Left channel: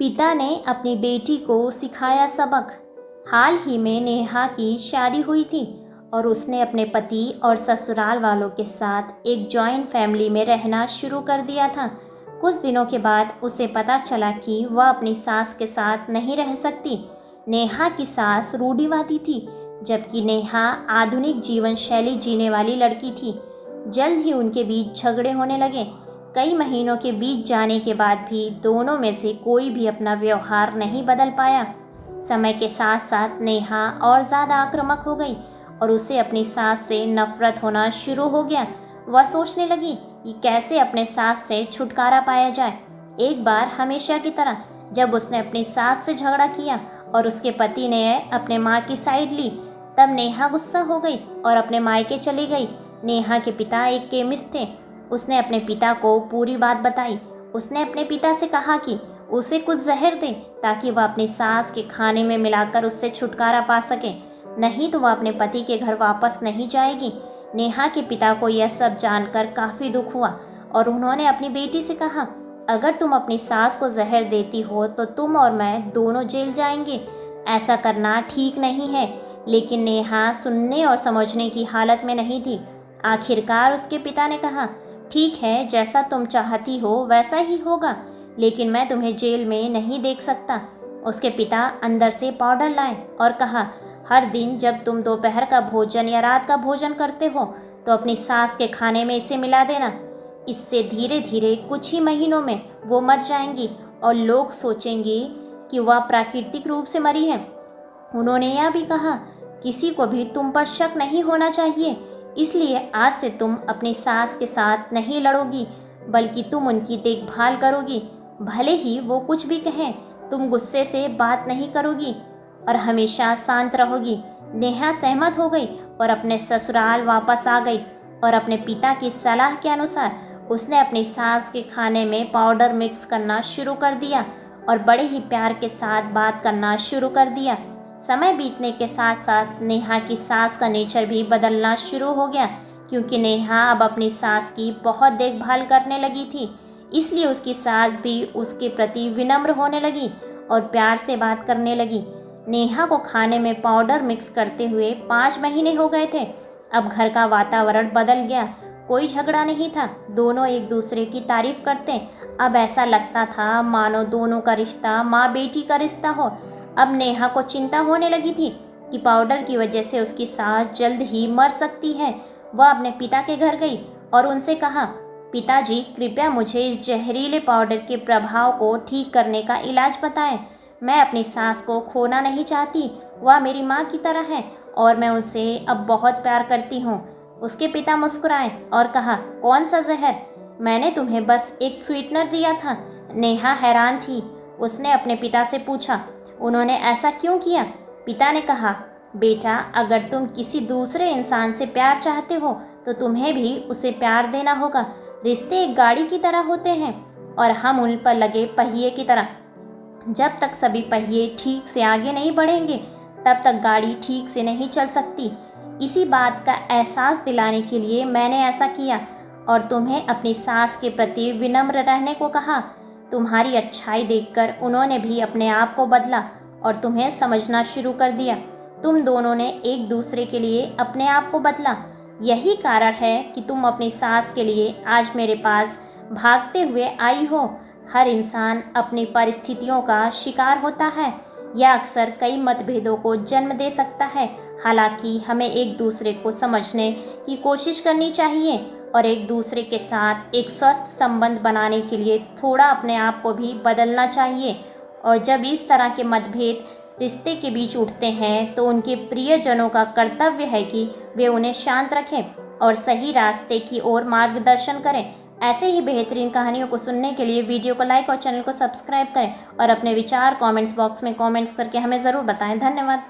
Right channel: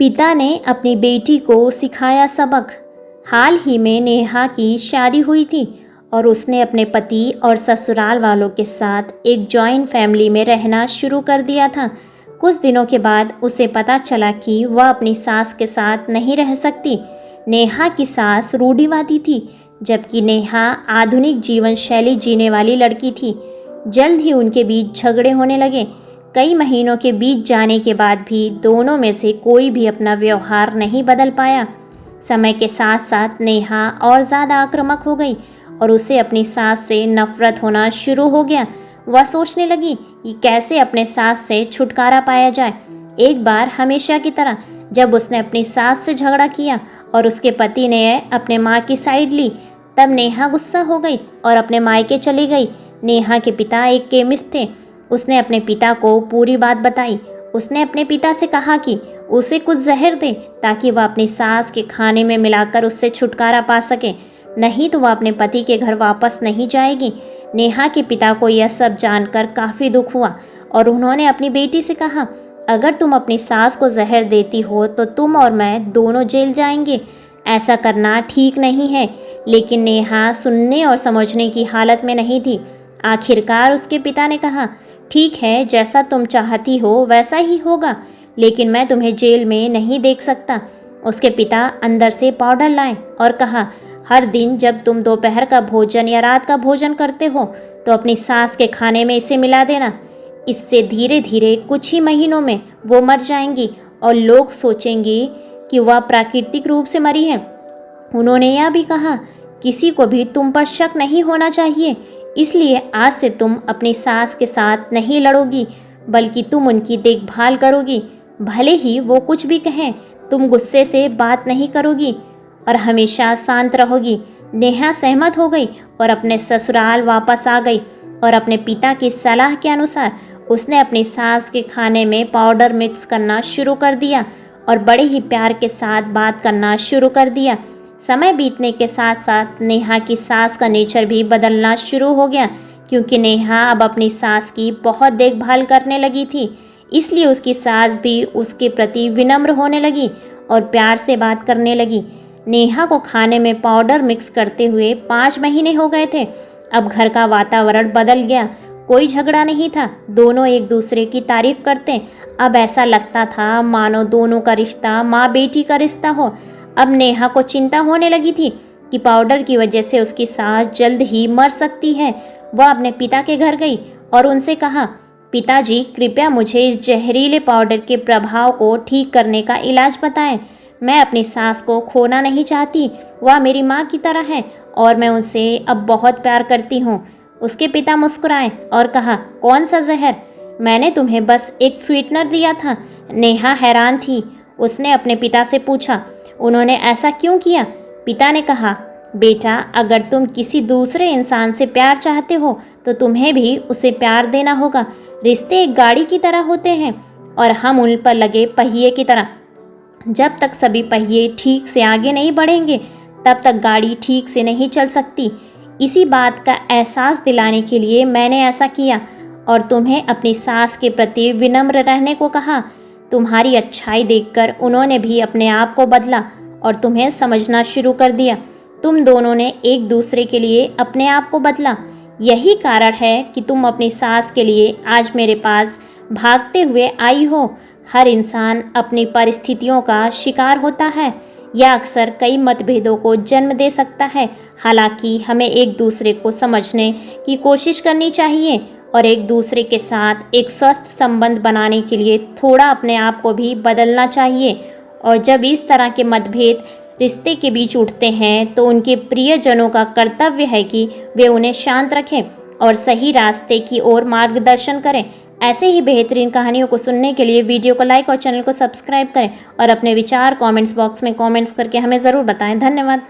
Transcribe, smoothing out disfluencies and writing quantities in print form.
पिता ने अपनी बेटी को सिखाया सबक। हाल ही में नेहा की शादी हुई थी और उसने अपने पति और ससुराल वालों के साथ एक जॉइंट फैमिली में रहना शुरू कर दिया था। कुछ दिनों के बाद उसे पता चला कि वह अपनी सास के साथ नहीं रह सकती। नेहा की सास रूढ़िवादी थी, जबकि नेहा आधुनिक जीवन शैली जीने वाली लड़की थी। जल्द ही उनके बीच झगड़े होने लगे। कई महीनों के बीत जाने के बाद भी दोनों में से कोई भी अपना व्यवहार नहीं बदल पाया। समय के साथ साथ नेहा और ज़्यादा आक्रामक हो गई और उसे अपनी सास से नफरत होना शुरू हो गया। वह सोचने लगी कि कैसे अपने सास से छुटकारा पाया जाए। एक बार हमेशा की तरह जब उसने अपनी सास से झगड़ा किया और उसके पति ने अपने माँ की साइड ली, तब नेहा गुस्सा हो गई और अपने मायके चली गई। नेहा के पिता एक केमिस्ट थे। उसने अपने पिता को पूरी बात बताई। उसने अपने पिता से कहा कि उसे कुछ जहर दे ताकि वह अपनी सास के खाने में मिलाकर उससे छुटकारा पा सके, नहीं तो वह अपने पति के घर वापस नहीं जाएगी। नेहा के पिता को यह सब जानकर काफ़ी दुख हुआ और उन्होंने अपनी बेटी से कहा, अगर तुम अपनी सास को जहर देती हो तो तुम और मैं दोनों जेल जाएंगे। ऐसा करना ठीक नहीं है। लेकिन नेहा सुनने और समझने की हालत में नहीं थी। आखिरकार उसके पिता ने कहा, ठीक है, जैसा तुम चाहती हो वैसा ही होगा, लेकिन मैं तुम्हें जेल में नहीं देख सकता। उसके पिता अंदर से पाउडर लाए और कहा, हर दिन जब तुम दोपहर का भोजन या रात का भोजन करते हो तो अपनी सास के खाने में इसे मिला देना। इससे धीरे धीरे कुछ ही महीनों में वो मर जाएंगी और लोग सोचेंगे कि वह प्राकृतिक रूप से मरी है। उन्होंने यह भी कहा, किसी को भी तुम पर शक नहीं होना चाहिए, इसलिए आज से तुम अपनी सास के साथ नहीं लड़ोगी, बल्कि तुम उनकी देखभाल करोगी। भले ही वो कुछ भी कहें, तुम गुस्से से बात नहीं करोगी और हमेशा शांत रहोगी। नेहा सहमत हो गई और अपने ससुराल वापस आ गई और अपने पिता की सलाह के अनुसार उसने अपनी सास के खाने में पाउडर मिक्स करना शुरू कर दिया और बड़े ही प्यार के साथ बात करना शुरू कर दिया। समय बीतने के साथ साथ नेहा की सास का नेचर भी बदलना शुरू हो गया, क्योंकि नेहा अब अपनी सास की बहुत देखभाल करने लगी थी। इसलिए उसकी सास भी उसके प्रति विनम्र होने लगी और प्यार से बात करने लगी। नेहा को खाने में पाउडर मिक्स करते हुए 5 महीने हो गए थे। अब घर का वातावरण बदल गया। कोई झगड़ा नहीं था, दोनों एक दूसरे की तारीफ करते। अब ऐसा लगता था मानो दोनों का रिश्ता माँ बेटी का रिश्ता हो। अब नेहा को चिंता होने लगी थी कि पाउडर की वजह से उसकी सास जल्द ही मर सकती है। वह अपने पिता के घर गई और उनसे कहा, पिताजी, कृपया मुझे इस जहरीले पाउडर के प्रभाव को ठीक करने का इलाज बताएं। मैं अपनी सास को खोना नहीं चाहती। वह मेरी माँ की तरह है और मैं उनसे अब बहुत प्यार करती हूँ। उसके पिता मुस्कुराए और कहा, कौन सा जहर? मैंने तुम्हें बस एक स्वीटनर दिया था। नेहा हैरान थी। उसने अपने पिता से पूछा, उन्होंने ऐसा क्यों किया? पिता ने कहा, बेटा, अगर तुम किसी दूसरे इंसान से प्यार चाहते हो तो तुम्हें भी उसे प्यार देना होगा। रिश्ते एक गाड़ी की तरह होते हैं और हम उन पर लगे पहिए की तरह। जब तक सभी पहिए ठीक से आगे नहीं बढ़ेंगे तब तक गाड़ी ठीक से नहीं चल सकती। इसी बात का एहसास दिलाने के लिए मैंने ऐसा किया और तुम्हें अपनी सास के प्रति विनम्र रहने को कहा। तुम्हारी अच्छाई देखकर उन्होंने भी अपने आप को बदला और तुम्हें समझना शुरू कर दिया। तुम दोनों ने एक दूसरे के लिए अपने आप को बदला। यही कारण है कि तुम अपनी सास के लिए आज मेरे पास भागते हुए आई हो। हर इंसान अपनी परिस्थितियों का शिकार होता है। यह अक्सर कई मतभेदों को जन्म दे सकता है। हालांकि हमें एक दूसरे को समझने की कोशिश करनी चाहिए और एक दूसरे के साथ एक स्वस्थ संबंध बनाने के लिए थोड़ा अपने आप को भी बदलना चाहिए। और जब इस तरह के मतभेद रिश्ते के बीच उठते हैं तो उनके प्रियजनों का कर्तव्य है कि वे उन्हें शांत रखें और सही रास्ते की ओर मार्गदर्शन करें। ऐसे ही बेहतरीन कहानियों को सुनने के लिए वीडियो को लाइक और चैनल को सब्सक्राइब करें और अपने विचार कमेंट्स बॉक्स में कमेंट्स करके हमें ज़रूर बताएं। धन्यवाद।